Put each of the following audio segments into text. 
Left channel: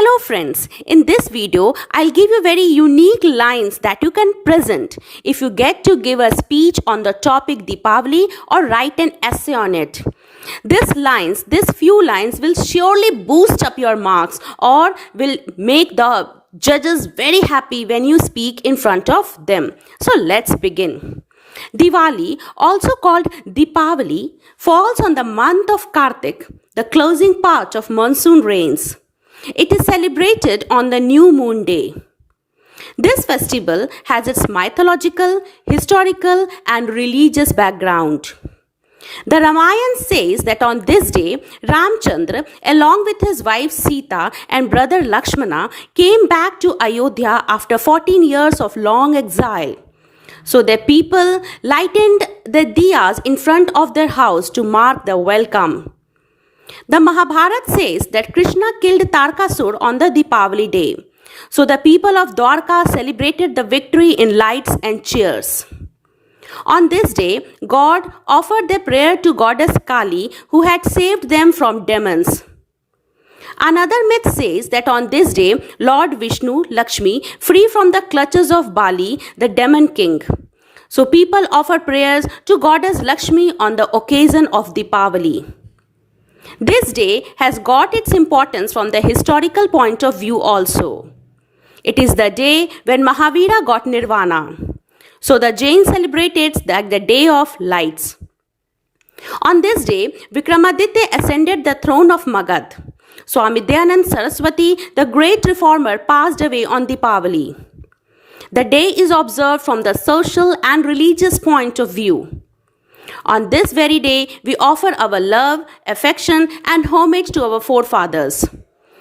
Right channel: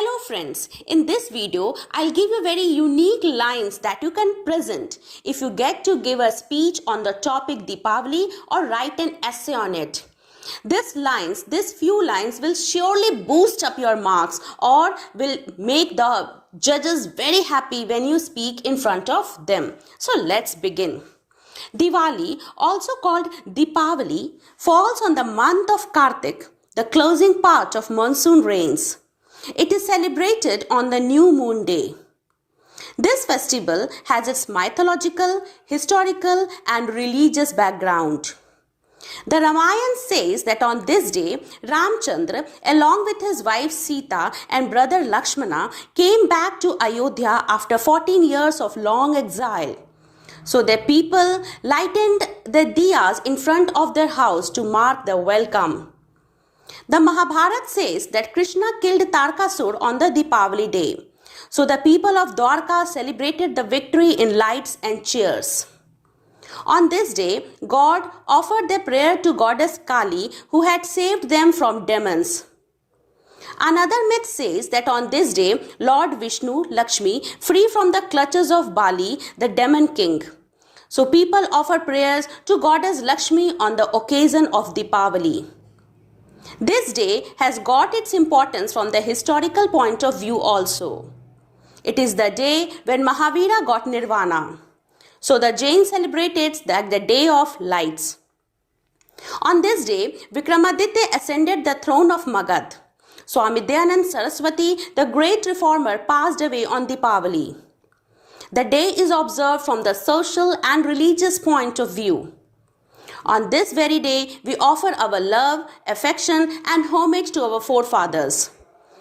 Hello friends, in this video, I'll give you very unique lines that you can present if you get to give a speech on the topic Deepavali or write an essay on it. These few lines will surely boost up your marks or will make the judges very happy when you speak in front of them. So let's begin. Diwali, also called Deepavali, falls on the month of Kartik, the closing part of monsoon rains. It is celebrated on the new moon day. This festival has its mythological, historical, and religious background. The Ramayana says that on this day, Ramchandra, along with his wife Sita and brother Lakshmana, came back to Ayodhya after 14 years of long exile. So the people lightened the diyas in front of their house to mark the welcome. The Mahabharata says that Krishna killed Tarkasur on the Deepavali day. So the people of Dwarka celebrated the victory in lights and cheers. On this day, God offered their prayer to goddess Kali, who had saved them from demons. Another myth says that on this day, Lord Vishnu, Lakshmi, free from the clutches of Bali, the demon king. So people offer prayers to goddess Lakshmi on the occasion of Deepavali. This day has got its importance from the historical point of view also. It is the day when Mahavira got nirvana. So the Jain celebrates that the day of lights. On this day, Vikramaditya ascended the throne of Magad. Swami Dayanand Saraswati, the great reformer, passed away on Deepavali. The day is observed from the social and religious point of view. On this very day, we offer our love, affection, and homage to our forefathers.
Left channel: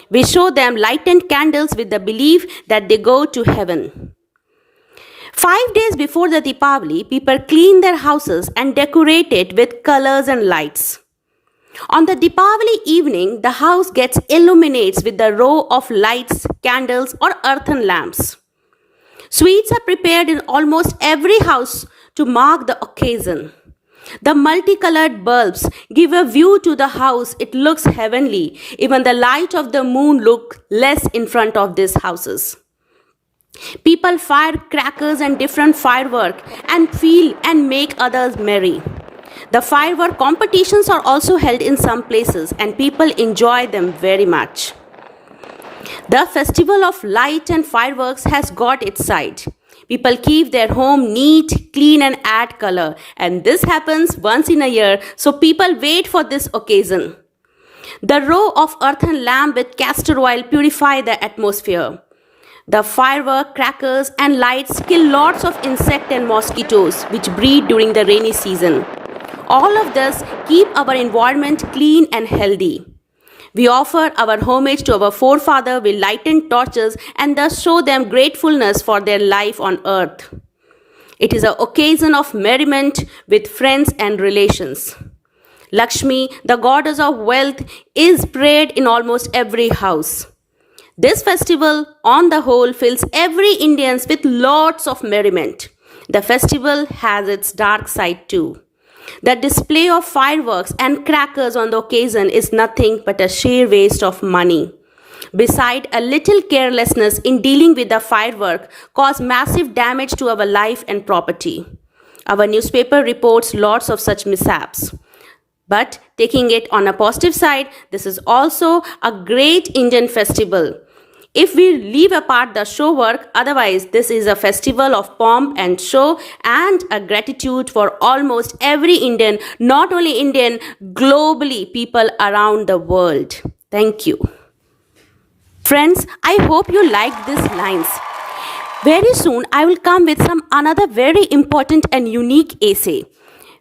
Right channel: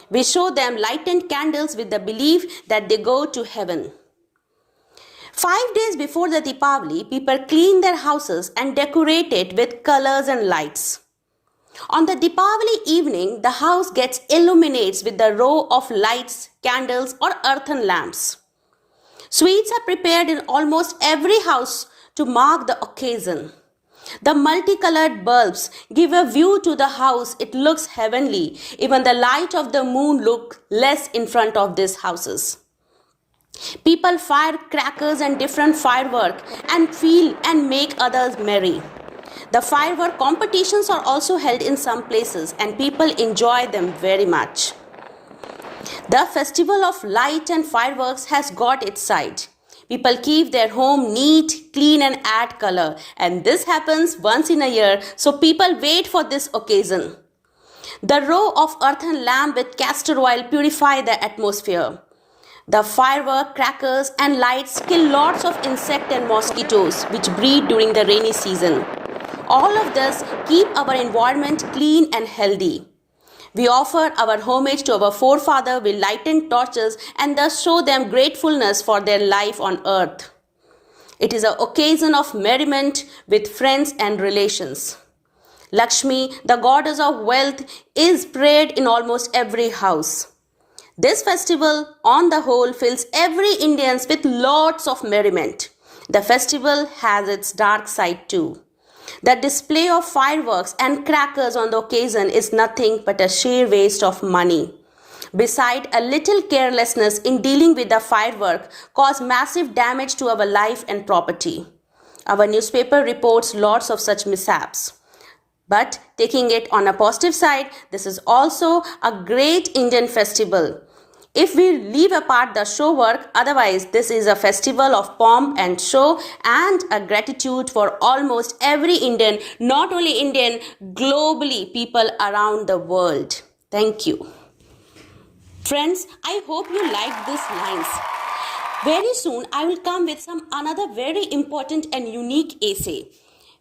We show them lighted candles with the belief that they go to heaven. 5 days before the Deepavali, people clean their houses and decorate it with colors and lights. On the Deepavali evening, the house gets illuminated with the row of lights, candles, or earthen lamps. Sweets are prepared in almost every house to mark the occasion. The multicolored bulbs give a view to the house. It looks heavenly. Even the light of the moon looks less in front of these houses. People fire crackers and different firework and feel and make others merry. The firework competitions are also held in some places and people enjoy them very much. The festival of light and fireworks has got its side. People keep their home neat, clean and add color. And this happens once in a year, so people wait for this occasion. The row of earthen lamp with castor oil purify the atmosphere. The firework, crackers and lights kill lots of insects and mosquitoes which breed during the rainy season. All of this keep our environment clean and healthy. We offer our homage to our forefathers with lighted torches and thus show them gratefulness for their life on earth. It is an occasion of merriment with friends and relations. Lakshmi, the goddess of wealth, is prayed in almost every house. This festival, on the whole, fills every Indian with lots of merriment. The festival has its dark side too. The display of fireworks and crackers on the occasion is nothing but a sheer waste of money. Besides, a little carelessness in dealing with the firework causes massive damage to our life and property. Our newspaper reports lots of such mishaps. But taking it on a positive side, this is also a great Indian festival. If we leave apart the show work, otherwise this is a festival of pomp and show and a gratitude for almost every Indian, not only Indian, globally people around the world. Thank you. Friends, I hope you liked these lines. Very soon I will come with another very important and unique essay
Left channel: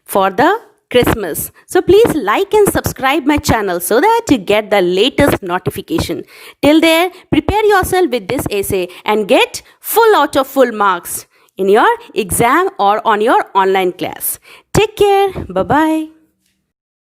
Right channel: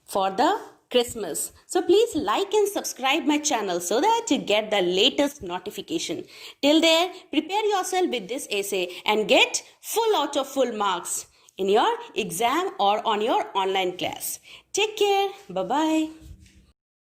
for the Christmas. So please like and subscribe my channel so that you get the latest notification. Till there, prepare yourself with this essay and get full out of full marks in your exam or on your online class. Take care. Bye-bye.